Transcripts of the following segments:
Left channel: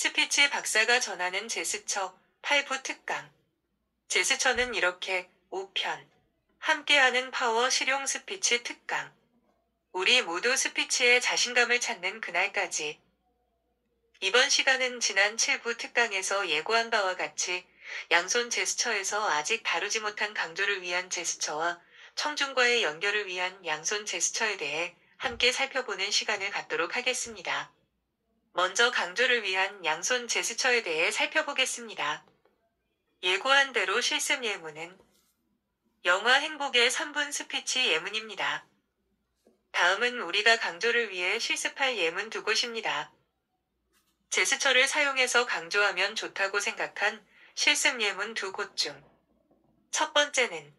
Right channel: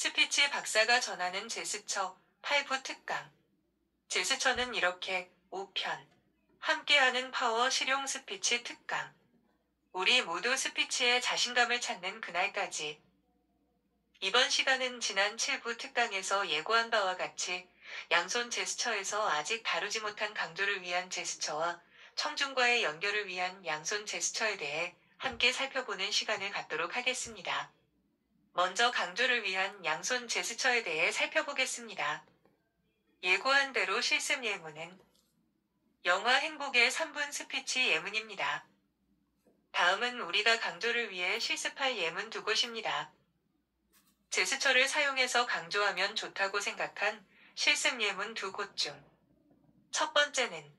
스피치 박사가 전하는 제스처 8부 특강. 제스처는 이렇게 5편. 함께하는 파워 실용 스피치 특강. 우리 모두 스피치에 자신감을 찾는 그날까지. 이번 시간은 지난 7부 특강에서 예고한 바와 같이 양손 제스처에서 아직 다루지 못한 강조를 위한 제스처와 청중과의 연결을 위한 양손 제스처에 대해 함께 살펴보는 시간을 갖도록 하겠습니다. 먼저 강조를 위한 양손 제스처에 대해 살펴보겠습니다. 예고한 대로 실습 예문은 영화 행복의 3분 스피치 예문입니다. 다음은 우리가 강조를 위해 실습할 예문 두 곳입니다. 제스처를 사용해서 강조하면 좋다고 생각한 실습 예문 두 곳 중 첫 번째는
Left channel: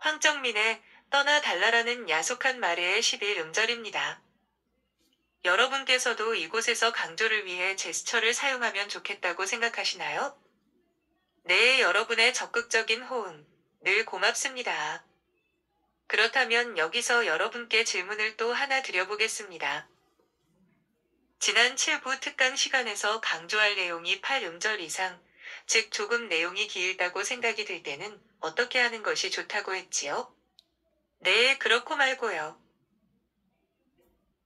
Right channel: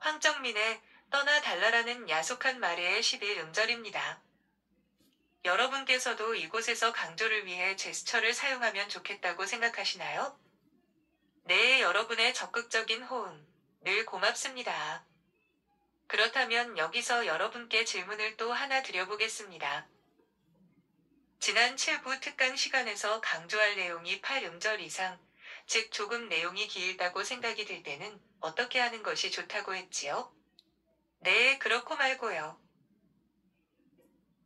황정민의 떠나 달라라는 야속한 말의 11음절입니다. 여러분께서도 이곳에서 강조를 위해 제스처를 사용하면 좋겠다고 생각하시나요? 네, 여러분의 적극적인 호응, 늘 고맙습니다. 그렇다면 여기서 여러분께 질문을 또 하나 드려보겠습니다. 지난 7부 특강 시간에서 강조할 내용이 8음절 이상, 즉 조금 내용이 길다고 생각이 들 때는 어떻게 하는 것이 좋다고 했지요? 네, 그렇고 말고요.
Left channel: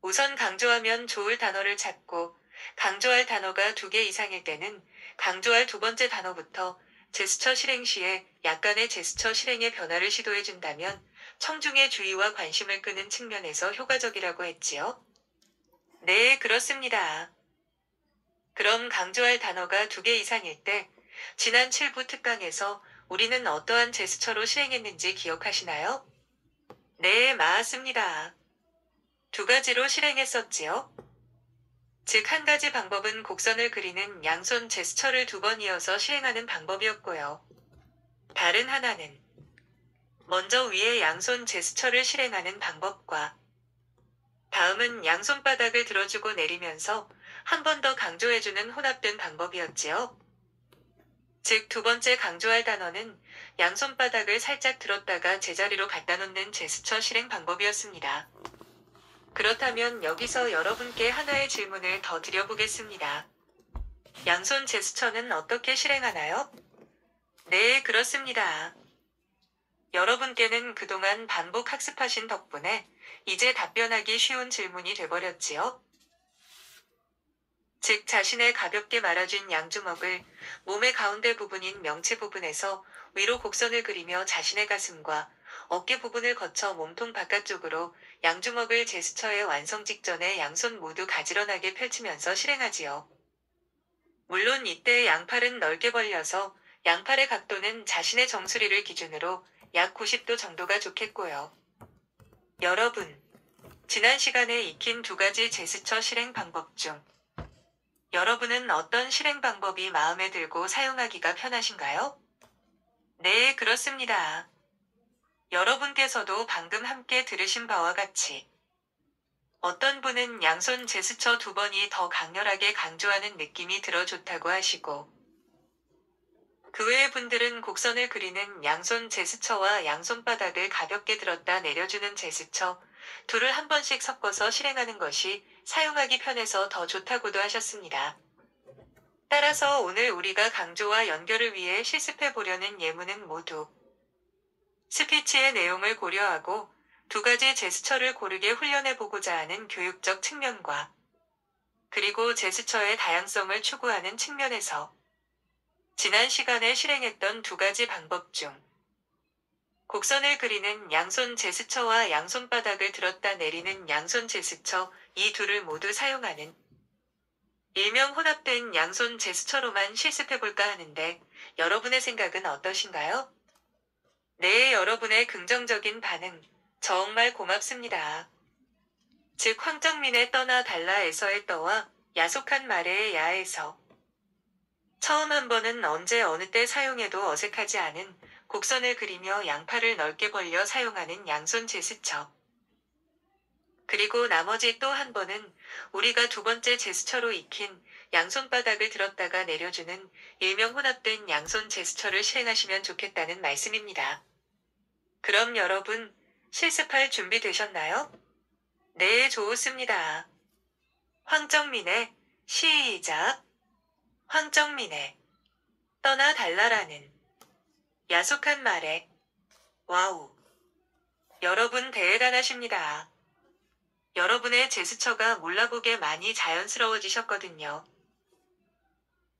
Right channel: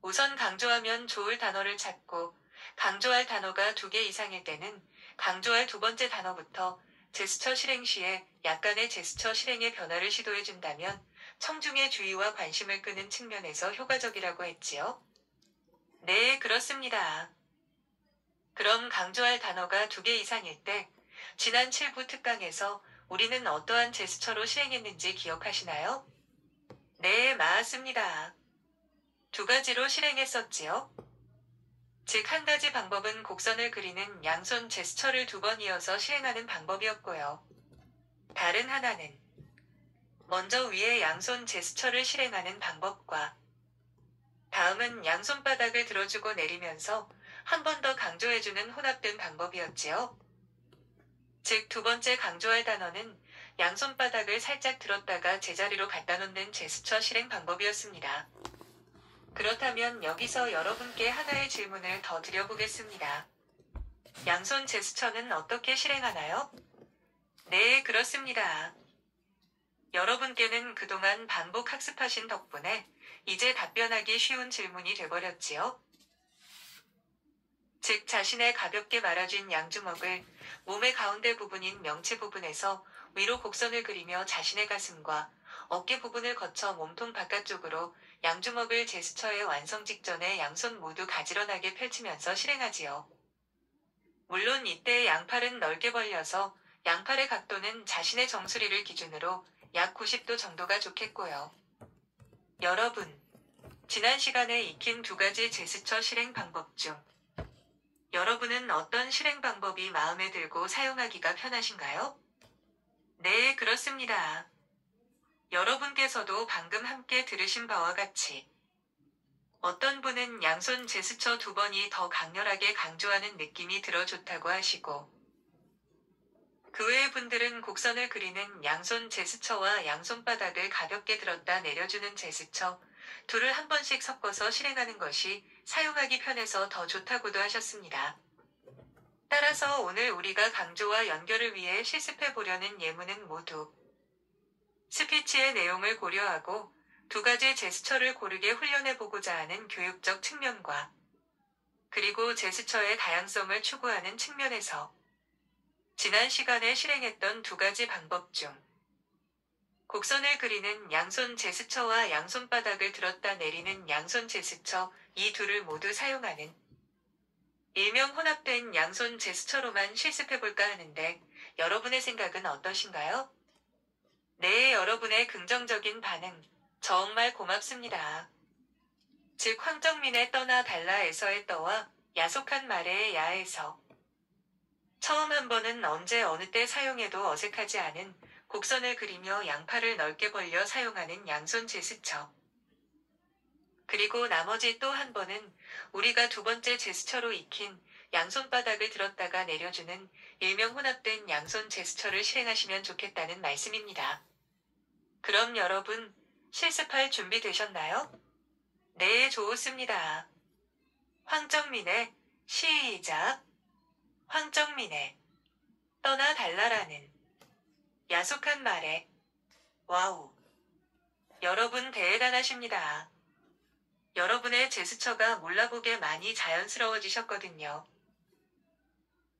우선 강조하면 좋을 단어를 찾고 강조할 단어가 2개 이상일 때는 강조할 두 번째 단어부터 제스처 실행 시에 약간의 제스처 실행의 변화를 시도해준다면 청중의 주의와 관심을 끄는 측면에서 효과적이라고 했지요? 네, 그렇습니다. 그럼 강조할 단어가 2개 이상일 때 지난 7부 특강에서 우리는 어떠한 제스처로 실행했는지 기억하시나요? 네, 맞습니다. 2가지로 실행했었지요. 즉, 한 가지 방법은 곡선을 그리는 양손 제스처를 2번 이어서 실행하는 방법이었고요. 다른 하나는 먼저 위에 양손 제스처를 실행하는 방법과 다음은 양손바닥을 들어주고 내리면서 한 번 더 강조해주는 혼합된 방법이었지요. 즉, 2번째 강조할 단어는 양손바닥을 살짝 들었다가 제자리로 갖다 놓는 제스처 실행 방법이었습니다. 그렇다면 여기서 여러분께 하나의 질문을 더 드려보겠습니다. 양손 제스처는 어떻게 실행하나요? 네, 그렇습니다. 여러분께는 그동안 반복 학습하신 덕분에 이제 답변하기 쉬운 질문이 돼버렸지요. 즉, 자신의 가볍게 말아준 양주먹을 몸의 가운데 부분인 명체 부분에서 위로 곡선을 그리며 자신의 가슴과 어깨 부분을 거쳐 몸통 바깥쪽으로 양주먹을 제스처의 완성 직전에 양손 모두 가지런하게 펼치면서 실행하지요. 물론 이때 양팔은 넓게 벌려서 양팔의 각도는 자신의 정수리를 기준으로 약 90도 정도가 좋겠고요. 여러분, 지난 시간에 익힌 2가지 제스처 실행 방법 중 여러분은 어떤 실행 방법이 마음에 들고 사용하기가 편하신가요? 네, 그렇습니다. 여러분께서도 방금 함께 들으신 바와 같이 어떤 분은 양손 제스처 2번이 더 강렬하게 강조하는 느낌이 들어 좋다고 하시고 그 외의 분들은 곡선을 그리는 양손 제스처와 양손바닥을 가볍게 들었다 내려주는 제스처 둘을 한 번씩 섞어서 실행하는 것이 사용하기 편해서 더 좋다고도 하셨습니다. 따라서 오늘 우리가 강조와 연결을 위해 실습해 보려는 예문은 모두 스피치의 내용을 고려하고 2가지 제스처를 고르게 훈련해 보고자 하는 교육적 측면과 그리고 제스처의 다양성을 추구하는 측면에서 지난 시간에 실행했던 2가지 방법 중 곡선을 그리는 양손 제스처와 양손바닥을 들었다 내리는 양손 제스처 이 둘을 모두 사용하는 일명 혼합된 양손 제스처로만 실습해볼까 하는데 여러분의 생각은 어떠신가요? 네, 여러분의 긍정적인 반응 정말 고맙습니다. 즉, 황정민의 떠나 달라에서의 떠와 야속한 말의 야에서 처음 한 번은 언제 어느 때 사용해도 어색하지 않은 곡선을 그리며 양팔을 넓게 벌려 사용하는 양손 제스처. 그리고 나머지 또 한 번은 우리가 2번째 제스처로 익힌 양손바닥을 들었다가 내려주는 일명 혼합된 양손 제스처를 실행하시면 좋겠다는 말씀입니다. 그럼 여러분, 실습할 준비 되셨나요? 네, 좋습니다. 황정민의 시작. 황정민의 떠나 달라라는 야속한 말에 와우. 여러분 대단하십니다. 여러분의 제스처가 몰라보게 많이 자연스러워지셨거든요.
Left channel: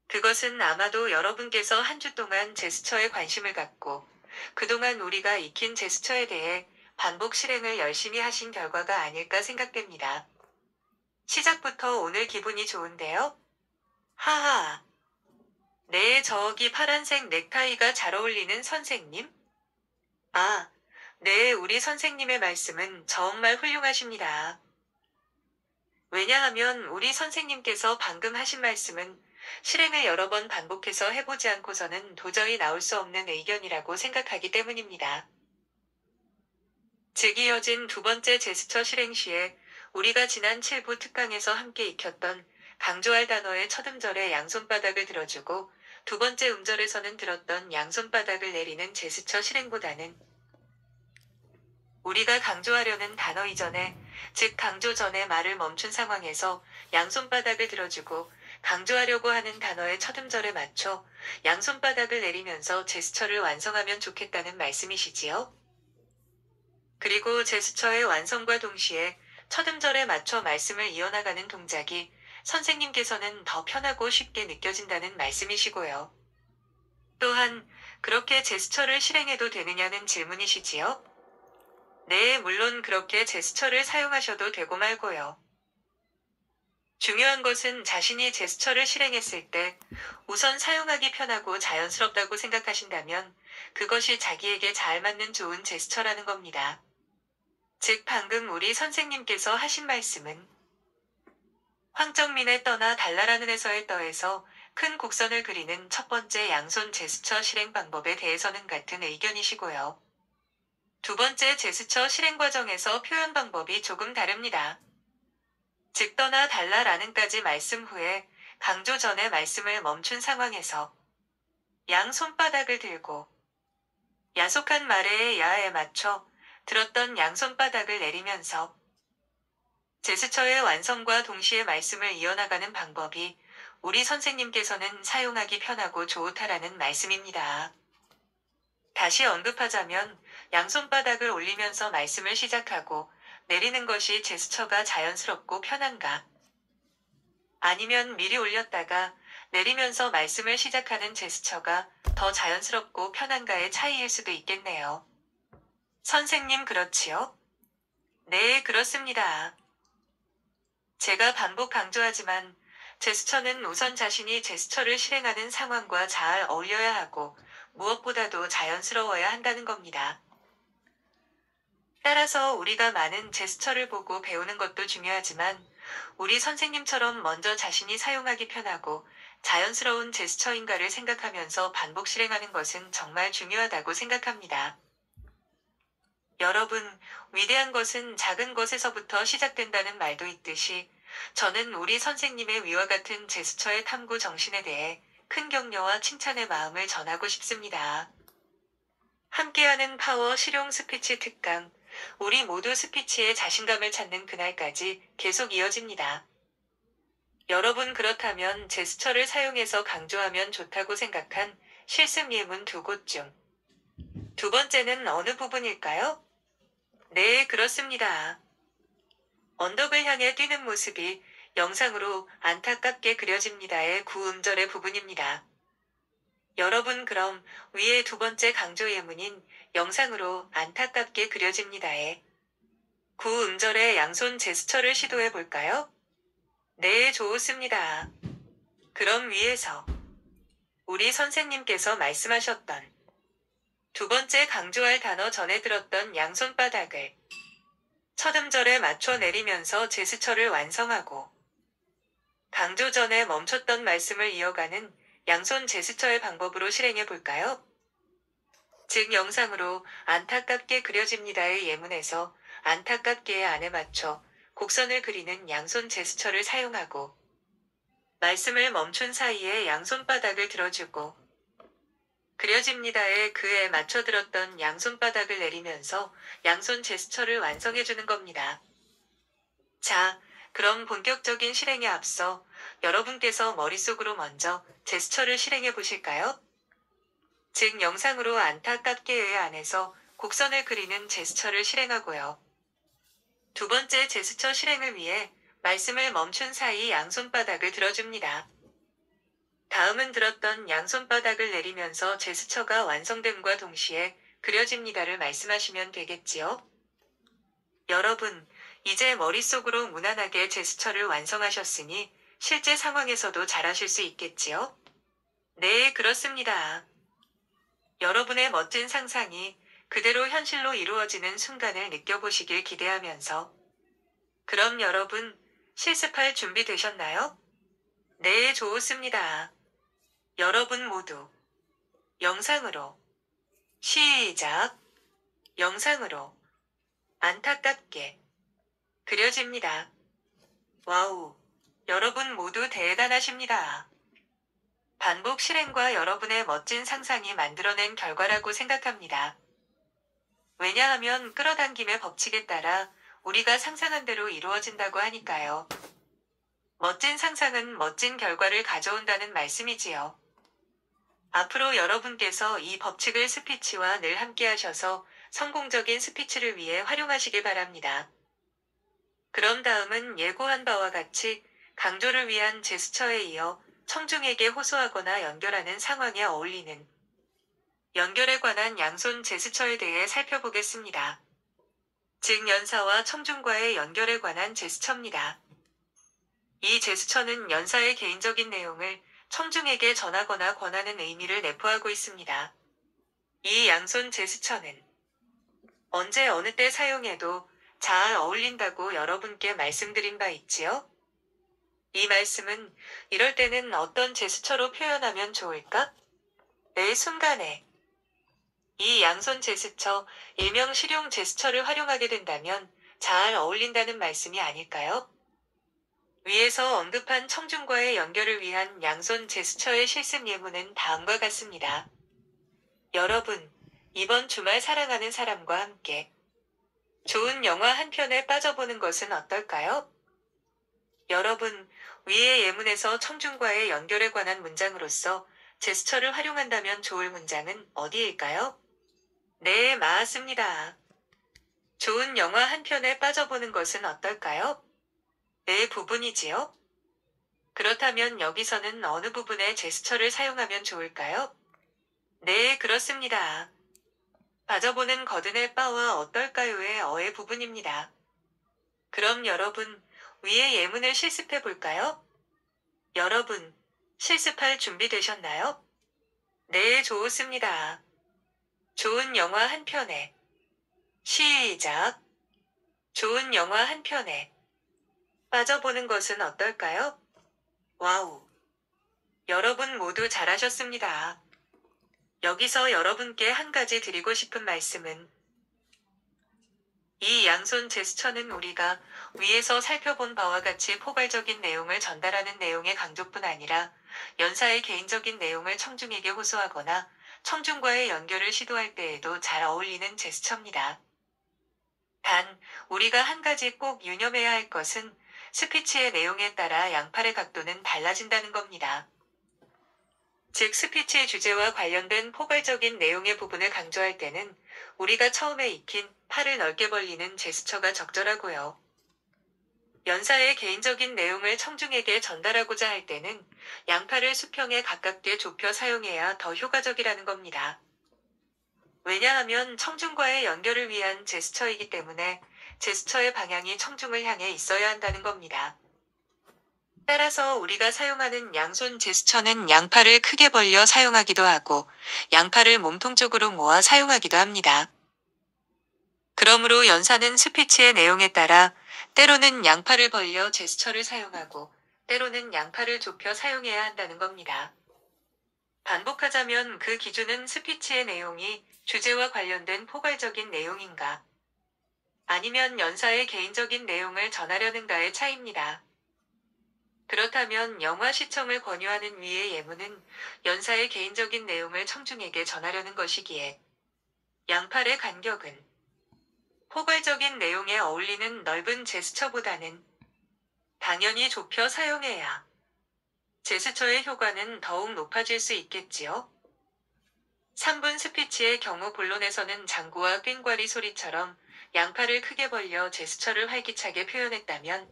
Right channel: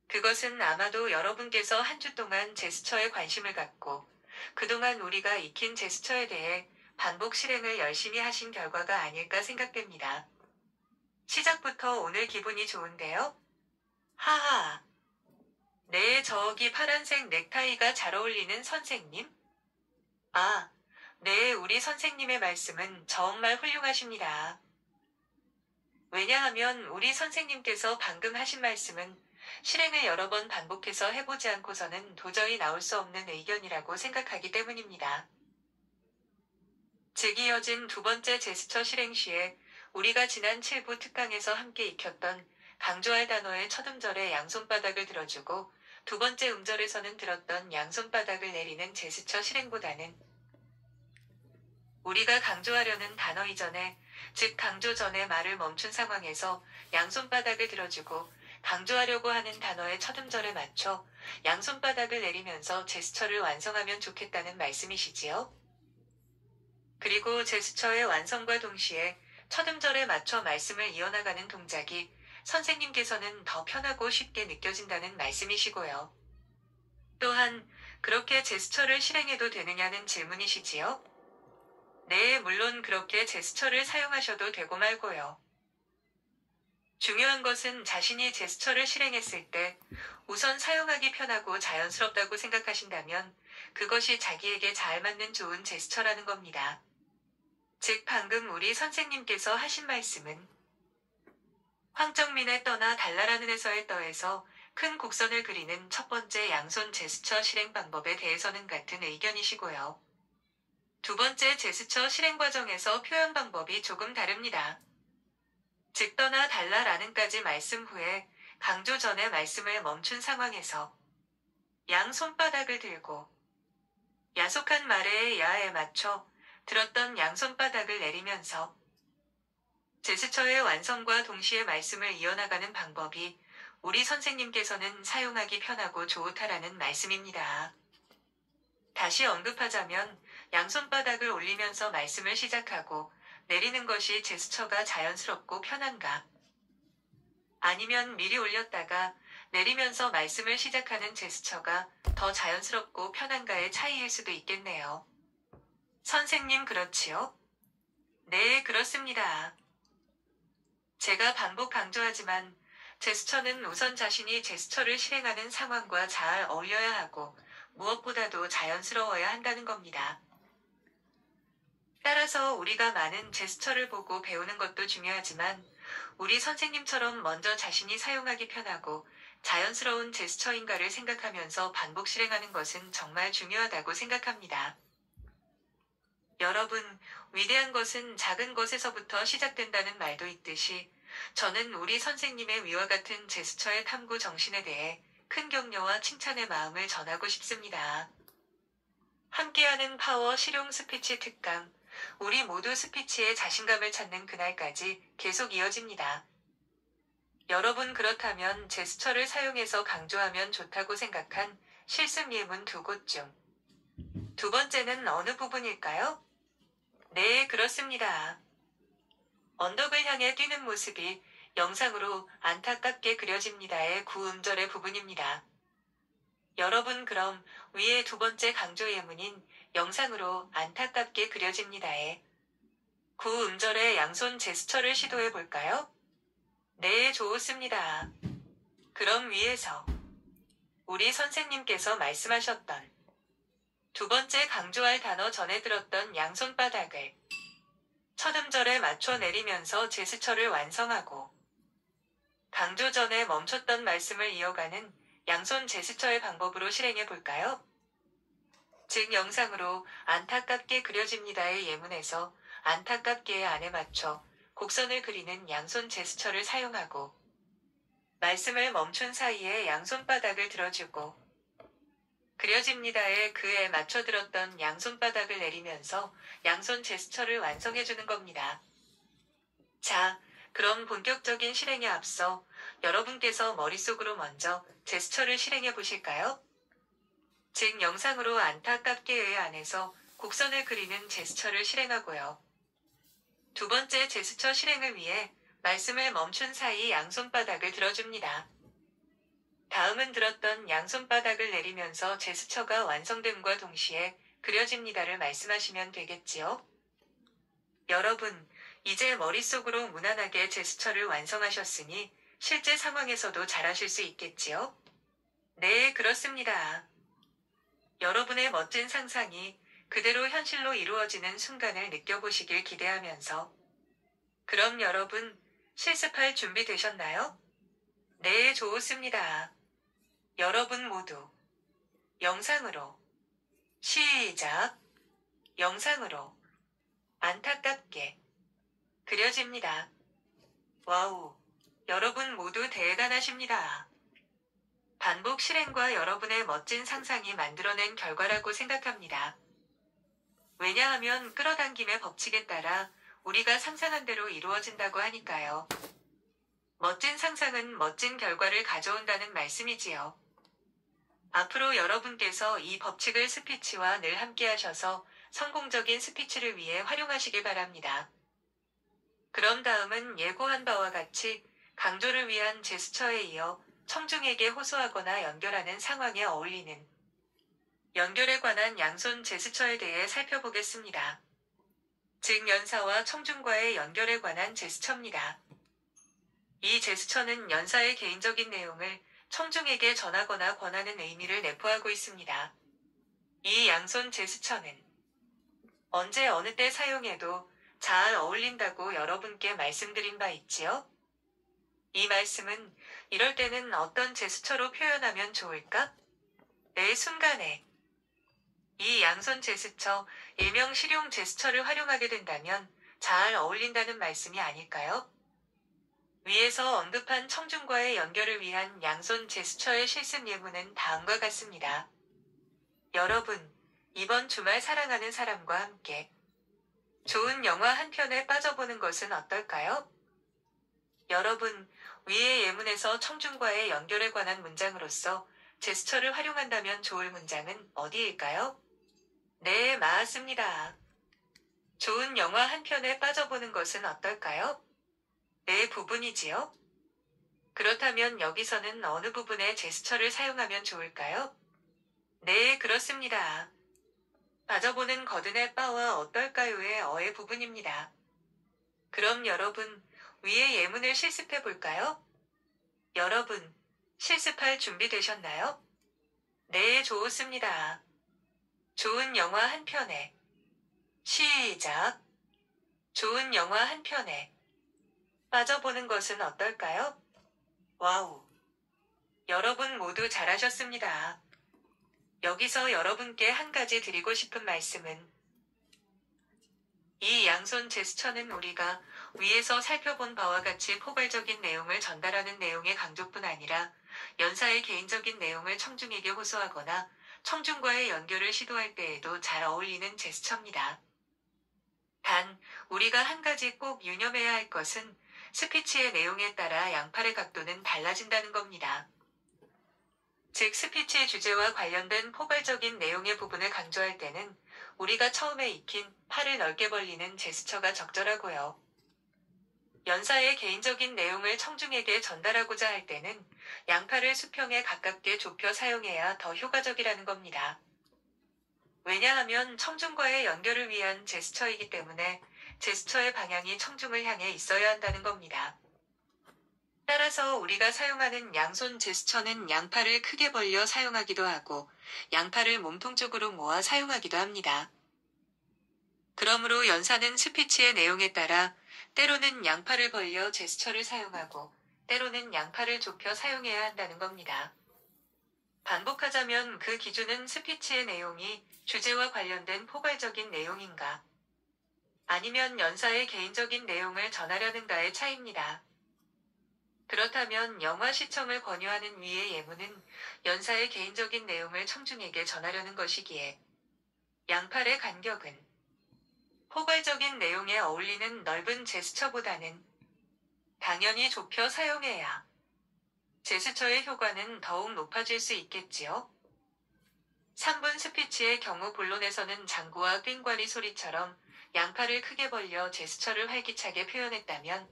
그것은 아마도 여러분께서 한 주 동안 제스처에 관심을 갖고 그동안 우리가 익힌 제스처에 대해 반복 실행을 열심히 하신 결과가 아닐까 생각됩니다. 시작부터 오늘 기분이 좋은데요? 하하. 네, 저기 파란색 넥타이가 잘 어울리는 선생님? 아, 네, 우리 선생님의 말씀은 정말 훌륭하십니다. 왜냐하면 우리 선생님께서 방금 하신 말씀은 실행을 여러 번 반복해서 해보지 않고서는 도저히 나올 수 없는 의견이라고 생각하기 때문입니다. 즉 이어진 두 번째 제스처 실행 시에 우리가 지난 7부 특강에서 함께 익혔던 강조할 단어의 첫 음절에 양손바닥을 들어주고 두 번째 음절에서는 들었던 양손바닥을 내리는 제스처 실행보다는 우리가 강조하려는 단어 이전에, 즉 강조 전에 말을 멈춘 상황에서 양손바닥을 들어주고 강조하려고 하는 단어의 첫 음절에 맞춰 양손바닥을 내리면서 제스처를 완성하면 좋겠다는 말씀이시지요? 그리고 제스처의 완성과 동시에 첫 음절에 맞춰 말씀을 이어나가는 동작이 선생님께서는 더 편하고 쉽게 느껴진다는 말씀이시고요. 또한 그렇게 제스처를 실행해도 되느냐는 질문이시지요? 네, 물론 그렇게 제스처를 사용하셔도 되고 말고요. 중요한 것은 자신이 제스처를 실행했을 때 우선 사용하기 편하고 자연스럽다고 생각하신다면 그것이 자기에게 잘 맞는 좋은 제스처라는 겁니다. 즉 방금 우리 선생님께서 하신 말씀은 황정민의 떠나 달라라는 에서의 떠에서 큰 곡선을 그리는 첫 번째 양손 제스처 실행 방법에 대해서는 같은 의견이시고요. 두 번째 제스처 실행 과정에서 표현 방법이 조금 다릅니다. 즉 떠나 달라라는까지 말씀 후에 강조 전에 말씀을 멈춘 상황에서 양 손바닥을 들고 야속한 말의 야에 맞춰 들었던 양손바닥을 내리면서 제스처의 완성과 동시에 말씀을 이어나가는 방법이 우리 선생님께서는 사용하기 편하고 좋다라는 말씀입니다. 다시 언급하자면 양손바닥을 올리면서 말씀을 시작하고 내리는 것이 제스처가 자연스럽고 편한가? 아니면 미리 올렸다가 내리면서 말씀을 시작하는 제스처가 더 자연스럽고 편한가의 차이일 수도 있겠네요. 선생님 그렇지요? 네, 그렇습니다. 제가 반복 강조하지만 제스처는 우선 자신이 제스처를 실행하는 상황과 잘 어울려야 하고 무엇보다도 자연스러워야 한다는 겁니다. 따라서 우리가 많은 제스처를 보고 배우는 것도 중요하지만 우리 선생님처럼 먼저 자신이 사용하기 편하고 자연스러운 제스처인가를 생각하면서 반복 실행하는 것은 정말 중요하다고 생각합니다. 여러분, 위대한 것은 작은 것에서부터 시작된다는 말도 있듯이 저는 우리 선생님의 위와 같은 제스처의 탐구 정신에 대해 큰 격려와 칭찬의 마음을 전하고 싶습니다. 함께하는 파워 실용 스피치 특강, 우리 모두 스피치에 자신감을 찾는 그날까지 계속 이어집니다. 여러분 그렇다면 제스처를 사용해서 강조하면 좋다고 생각한 실습 예문 두 곳 중 두 번째는 어느 부분일까요? 네, 그렇습니다. 언덕을 향해 뛰는 모습이 영상으로 안타깝게 그려집니다의 구음절의 부분입니다. 여러분 그럼 위의 두 번째 강조 예문인 영상으로 안타깝게 그려집니다의 구음절의 양손 제스처를 시도해 볼까요? 네, 좋습니다. 그럼 위에서 우리 선생님께서 말씀하셨던 두 번째 강조할 단어 전에 들었던 양손바닥을 첫 음절에 맞춰 내리면서 제스처를 완성하고 강조 전에 멈췄던 말씀을 이어가는 양손 제스처의 방법으로 실행해 볼까요? 즉 영상으로 안타깝게 그려집니다의 예문에서 안타깝게의 안에 맞춰 곡선을 그리는 양손 제스처를 사용하고 말씀을 멈춘 사이에 양손바닥을 들어주고 그려집니다의 그에 맞춰 들었던 양손바닥을 내리면서 양손 제스처를 완성해주는 겁니다. 자, 그럼 본격적인 실행에 앞서 여러분께서 머릿속으로 먼저 제스처를 실행해 보실까요? 즉 영상으로 안타깝게의 안에서 곡선을 그리는 제스처를 실행하고요. 두 번째 제스처 실행을 위해 말씀을 멈춘 사이 양손바닥을 들어줍니다. 다음은 들었던 양손바닥을 내리면서 제스처가 완성됨과 동시에 그려집니다를 말씀하시면 되겠지요? 여러분, 이제 머릿속으로 무난하게 제스처를 완성하셨으니 실제 상황에서도 잘하실 수 있겠지요? 네, 그렇습니다. 여러분의 멋진 상상이 그대로 현실로 이루어지는 순간을 느껴보시길 기대하면서 그럼 여러분, 실습할 준비 되셨나요? 네, 좋습니다. 여러분 모두 영상으로 시작. 영상으로 안타깝게 그려집니다. 와우. 여러분 모두 대단하십니다. 반복 실행과 여러분의 멋진 상상이 만들어낸 결과라고 생각합니다. 왜냐하면 끌어당김의 법칙에 따라 우리가 상상한 대로 이루어진다고 하니까요. 멋진 상상은 멋진 결과를 가져온다는 말씀이지요. 앞으로 여러분께서 이 법칙을 스피치와 늘 함께 하셔서 성공적인 스피치를 위해 활용하시길 바랍니다. 그럼 다음은 예고한 바와 같이 강조를 위한 제스처에 이어 청중에게 호소하거나 연결하는 상황에 어울리는 연결에 관한 양손 제스처에 대해 살펴보겠습니다. 즉 연사와 청중과의 연결에 관한 제스처입니다. 이 제스처는 연사의 개인적인 내용을 청중에게 전하거나 권하는 의미를 내포하고 있습니다. 이 양손 제스처는 언제 어느 때 사용해도 잘 어울린다고 여러분께 말씀드린 바 있지요? 이 말씀은 이럴 때는 어떤 제스처로 표현하면 좋을까? 매 순간에 이 양손 제스처, 일명 실용 제스처를 활용하게 된다면 잘 어울린다는 말씀이 아닐까요? 위에서 언급한 청중과의 연결을 위한 양손 제스처의 실습 예문은 다음과 같습니다. 여러분, 이번 주말 사랑하는 사람과 함께 좋은 영화 한 편에 빠져보는 것은 어떨까요? 여러분, 위의 예문에서 청중과의 연결에 관한 문장으로서 제스처를 활용한다면 좋을 문장은 어디일까요? 네, 맞습니다. 좋은 영화 한 편에 빠져보는 것은 어떨까요? 네, 부분이지요? 그렇다면 여기서는 어느 부분의 제스처를 사용하면 좋을까요? 네, 그렇습니다. 빠져보는 거든의 빠와 어떨까요의 어의 부분입니다. 그럼 여러분, 위의 예문을 실습해 볼까요? 여러분, 실습할 준비 되셨나요? 네, 좋습니다. 좋은 영화 한 편에 시작. 좋은 영화 한 편에 빠져보는 것은 어떨까요? 와우. 여러분 모두 잘하셨습니다. 여기서 여러분께 한 가지 드리고 싶은 말씀은 이 양손 제스처는 우리가 위에서 살펴본 바와 같이 포괄적인 내용을 전달하는 내용의 강조뿐 아니라 연사의 개인적인 내용을 청중에게 호소하거나 청중과의 연결을 시도할 때에도 잘 어울리는 제스처입니다. 단, 우리가 한 가지 꼭 유념해야 할 것은 스피치의 내용에 따라 양팔의 각도는 달라진다는 겁니다. 즉 스피치의 주제와 관련된 포괄적인 내용의 부분을 강조할 때는 우리가 처음에 익힌 팔을 넓게 벌리는 제스처가 적절하고요. 연사의 개인적인 내용을 청중에게 전달하고자 할 때는 양팔을 수평에 가깝게 좁혀 사용해야 더 효과적이라는 겁니다. 왜냐하면 청중과의 연결을 위한 제스처이기 때문에 제스처의 방향이 청중을 향해 있어야 한다는 겁니다. 따라서 우리가 사용하는 양손 제스처는 양팔을 크게 벌려 사용하기도 하고 양팔을 몸통 쪽으로 모아 사용하기도 합니다. 그러므로 연사는 스피치의 내용에 따라 때로는 양팔을 벌려 제스처를 사용하고 때로는 양팔을 좁혀 사용해야 한다는 겁니다. 반복하자면 그 기준은 스피치의 내용이 주제와 관련된 포괄적인 내용인가 아니면 연사의 개인적인 내용을 전하려는가의 차이입니다. 그렇다면 영화 시청을 권유하는 위의 예문은 연사의 개인적인 내용을 청중에게 전하려는 것이기에 양팔의 간격은 포괄적인 내용에 어울리는 넓은 제스처보다는 당연히 좁혀 사용해야 제스처의 효과는 더욱 높아질 수 있겠지요. 3분 스피치의 경우 본론에서는 장구와 꽹과리 소리처럼 양팔을 크게 벌려 제스처를 활기차게 표현했다면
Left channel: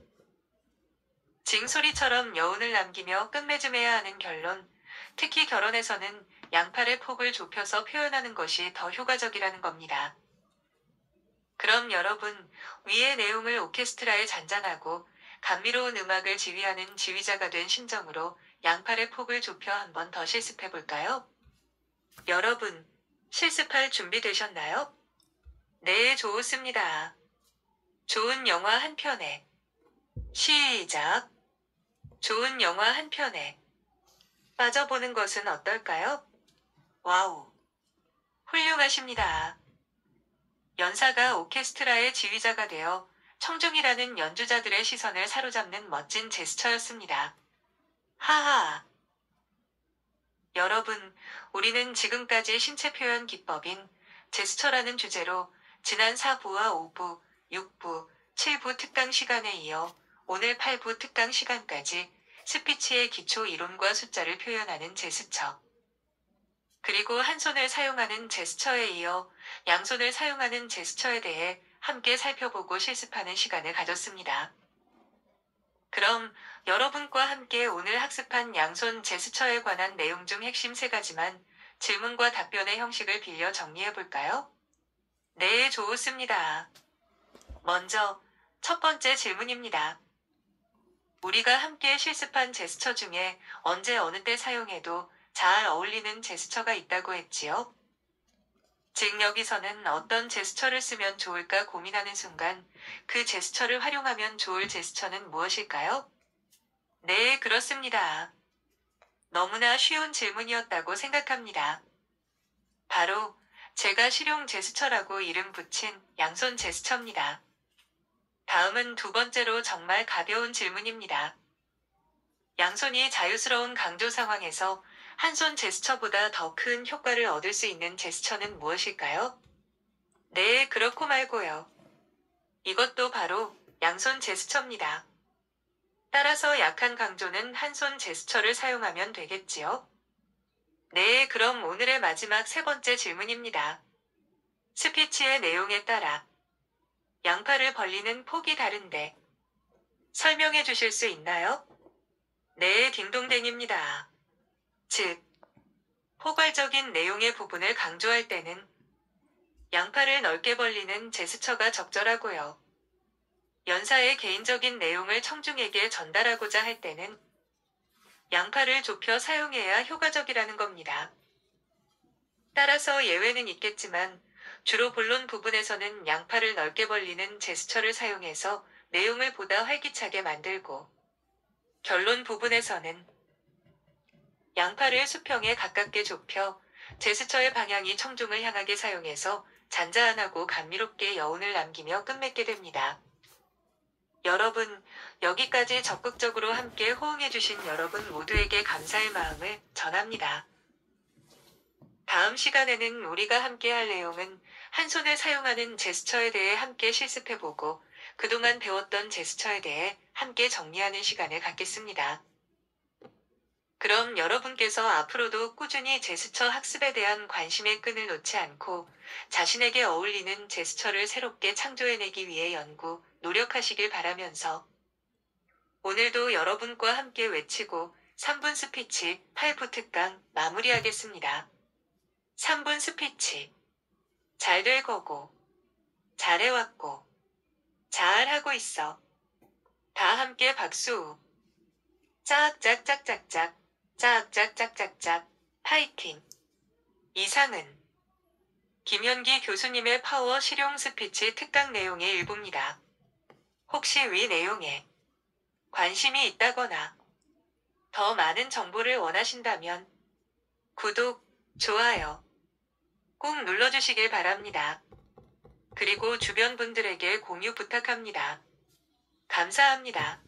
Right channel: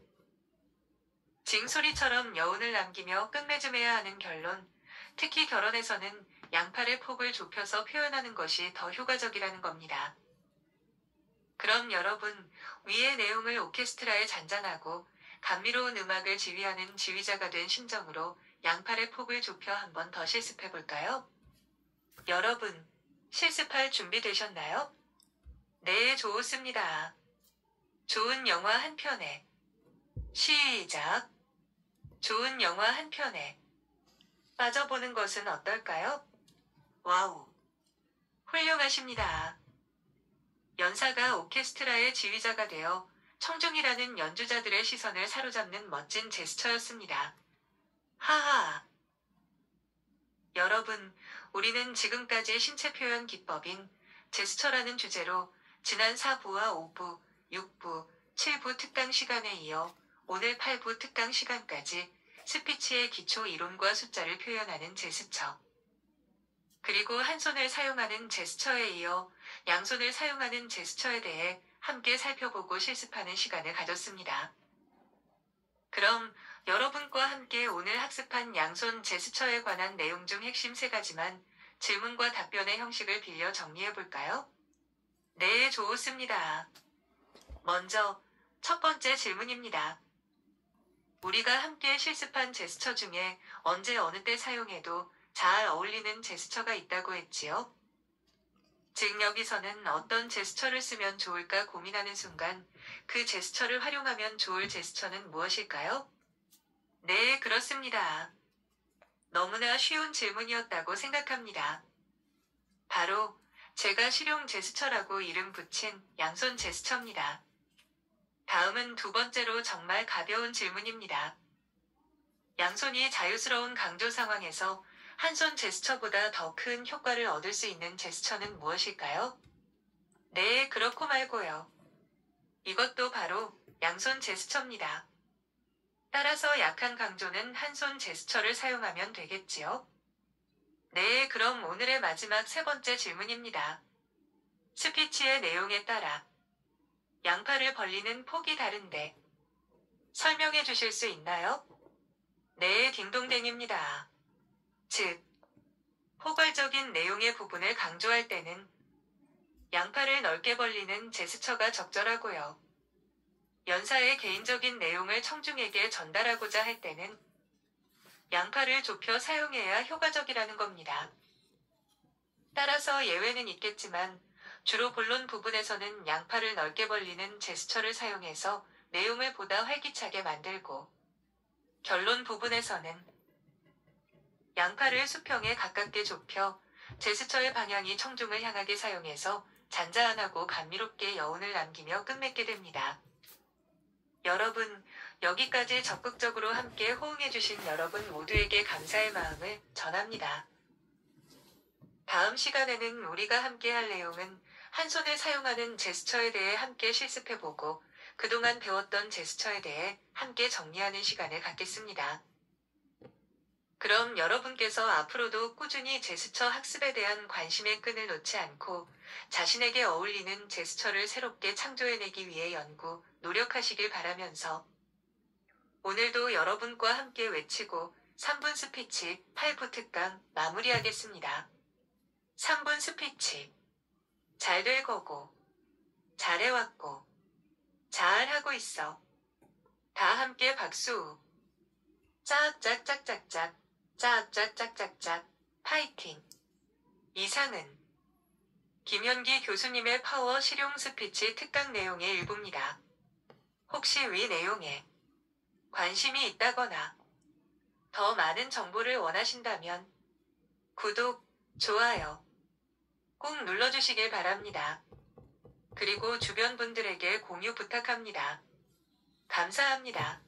징소리처럼 여운을 남기며 끝맺음해야 하는 결론, 특히 결혼에서는 양팔의 폭을 좁혀서 표현하는 것이 더 효과적이라는 겁니다. 그럼 여러분, 위의 내용을 오케스트라에 잔잔하고 감미로운 음악을 지휘하는 지휘자가 된 심정으로 양팔의 폭을 좁혀 한 번 더 실습해 볼까요? 여러분, 실습할 준비 되셨나요? 네, 좋습니다. 좋은 영화 한 편에. 시작. 좋은 영화 한 편에 빠져보는 것은 어떨까요? 와우. 훌륭하십니다. 연사가 오케스트라의 지휘자가 되어 청중이라는 연주자들의 시선을 사로잡는 멋진 제스처였습니다. 하하. 여러분, 우리는 지금까지 신체 표현 기법인 제스처라는 주제로 지난 4부와 5부, 6부, 7부 특강 시간에 이어 오늘 8부 특강 시간까지 스피치의 기초 이론과 숫자를 표현하는 제스처, 그리고 한 손을 사용하는 제스처에 이어 양손을 사용하는 제스처에 대해 함께 살펴보고 실습하는 시간을 가졌습니다. 그럼 여러분과 함께 오늘 학습한 양손 제스처에 관한 내용 중 핵심 3가지만 질문과 답변의 형식을 빌려 정리해 볼까요? 네, 좋습니다. 먼저 첫 번째 질문입니다. 우리가 함께 실습한 제스처 중에 언제 어느 때 사용해도 잘 어울리는 제스처가 있다고 했지요? 즉 여기서는 어떤 제스처를 쓰면 좋을까 고민하는 순간 그 제스처를 활용하면 좋을 제스처는 무엇일까요? 네, 그렇습니다. 너무나 쉬운 질문이었다고 생각합니다. 바로 제가 실용 제스처라고 이름 붙인 양손 제스처입니다. 다음은 두 번째로 정말 가벼운 질문입니다. 양손이 자유스러운 강조 상황에서 한 손 제스처보다 더 큰 효과를 얻을 수 있는 제스처는 무엇일까요? 네, 그렇고 말고요. 이것도 바로 양손 제스처입니다. 따라서 약한 강조는 한 손 제스처를 사용하면 되겠지요? 네, 그럼 오늘의 마지막 3번째 질문입니다. 스피치의 내용에 따라 양팔을 벌리는 폭이 다른데 설명해 주실 수 있나요? 네, 딩동댕입니다. 즉, 포괄적인 내용의 부분을 강조할 때는 양팔을 넓게 벌리는 제스처가 적절하고요. 연사의 개인적인 내용을 청중에게 전달하고자 할 때는 양팔을 좁혀 사용해야 효과적이라는 겁니다. 따라서 예외는 있겠지만 주로 본론 부분에서는 양팔을 넓게 벌리는 제스처를 사용해서 내용을 보다 활기차게 만들고 결론 부분에서는 양팔을 수평에 가깝게 좁혀 제스처의 방향이 청중을 향하게 사용해서 잔잔하고 감미롭게 여운을 남기며 끝맺게 됩니다. 여러분, 여기까지 적극적으로 함께 호응해주신 여러분 모두에게 감사의 마음을 전합니다. 다음 시간에는 우리가 함께 할 내용은 한 손을 사용하는 제스처에 대해 함께 실습해보고 그동안 배웠던 제스처에 대해 함께 정리하는 시간을 갖겠습니다. 그럼 여러분께서 앞으로도 꾸준히 제스처 학습에 대한 관심의 끈을 놓지 않고 자신에게 어울리는 제스처를 새롭게 창조해내기 위해 연구, 노력하시길 바라면서 오늘도 여러분과 함께 외치고 3분 스피치 8부 특강 마무리하겠습니다. 3분 스피치. 잘 될 거고, 잘해왔고, 잘하고 있어. 다 함께 박수. 짝짝짝짝짝, 짝짝짝짝짝, 파이팅. 이상은 김현기 교수님의 파워 실용 스피치 특강 내용의 일부입니다. 혹시 위 내용에 관심이 있다거나 더 많은 정보를 원하신다면 구독, 좋아요 꼭 눌러주시길 바랍니다. 그리고 주변 분들에게 공유 부탁합니다. 감사합니다.